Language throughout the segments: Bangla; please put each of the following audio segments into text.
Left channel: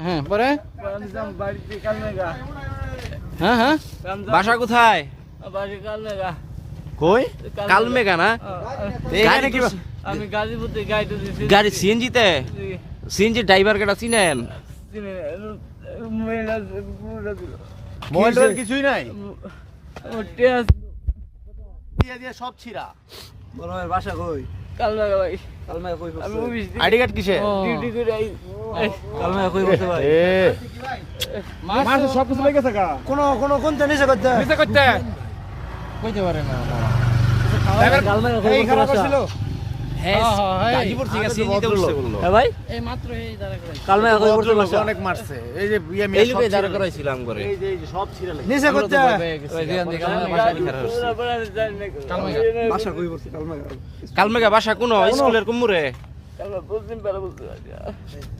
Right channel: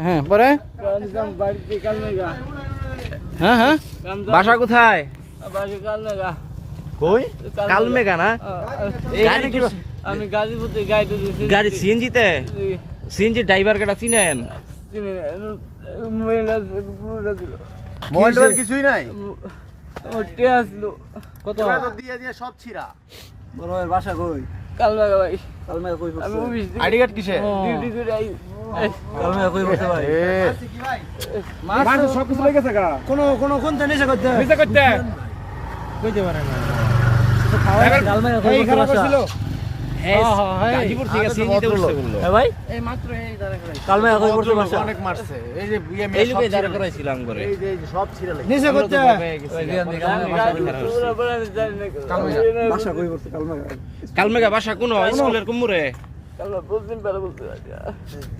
হ্যাঁ পরে বাড়িতে কালমেঘা। হ্যাঁ হ্যাঁ বাসা কোথায়? বাড়ি কালমেঘা। কই কালমেঘা না? গাড়ি কি- আমি গাজীপুরে গাড়িতে দিয়েছি। গাড়ি সিএনজিতে? সিএনজি ড্রাইভার কেটা চিনেন? মোবাইল কিছুই নাই। কত দিয়ে দিয়ে সব ছিড়া। বড় ভাই বাসা কই? কালমেঘা ভাই। কালমেঘা কই? আমি অফিস আইডি কার্ড কিসে? ডিউটি করে আই। কালমেঘা কই বসে ভাই? মাছ সব কিছু লেগে থাকা। কোন জিনিস করতে? নিচে করতে। কইতে পারে না। কালমেঘা কই বসে বাসা? হ্যাঁ গাজীপুর থেকে সিএনজিতে উঠছে বললো। হ্যাঁ ভাই এই মাত্র এই দাঁড়া করে। কালমেঘা কই বসে বাসা? অনেক মারছে। এই যে এই লোকে দাঁড়া করাইছিলাম করে। এই যে সব ছিড়া লেগে। নিচে করতে। বাসা কই বসে কালমেঘা? কালমেঘা বাসা কোন স্কুলের কুমুরে?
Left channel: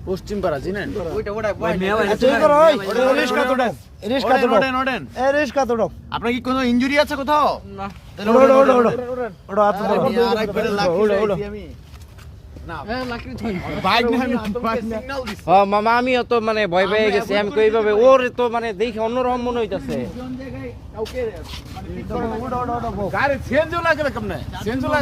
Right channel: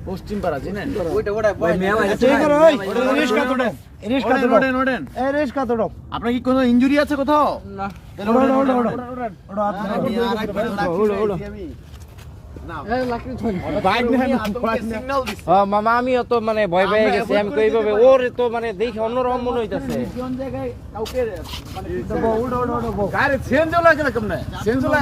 পশ্চিম পাড়া চিনেন? ভাই মেয়া ভাই আপনার কি কোনো ইনজুরি আছে কোথাও? না মামা আমিও তো মানে ভয় পেয়ে গেছি। আমি তো এইভাবে ওর তো মানে দেখে অন্যরকম মনে হইতাছে। গাড়ি চেঞ্জ হলো কেমনে? চেঞ্জ হলো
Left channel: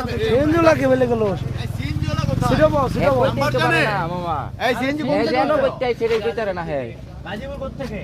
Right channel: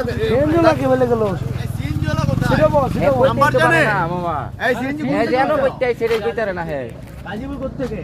নাম্বার জানে মামা এই চেঞ্জ হ্যাঁ জানো কইতে আইছে রে কইতারে না হে গাজীপুর কোথা থেকে?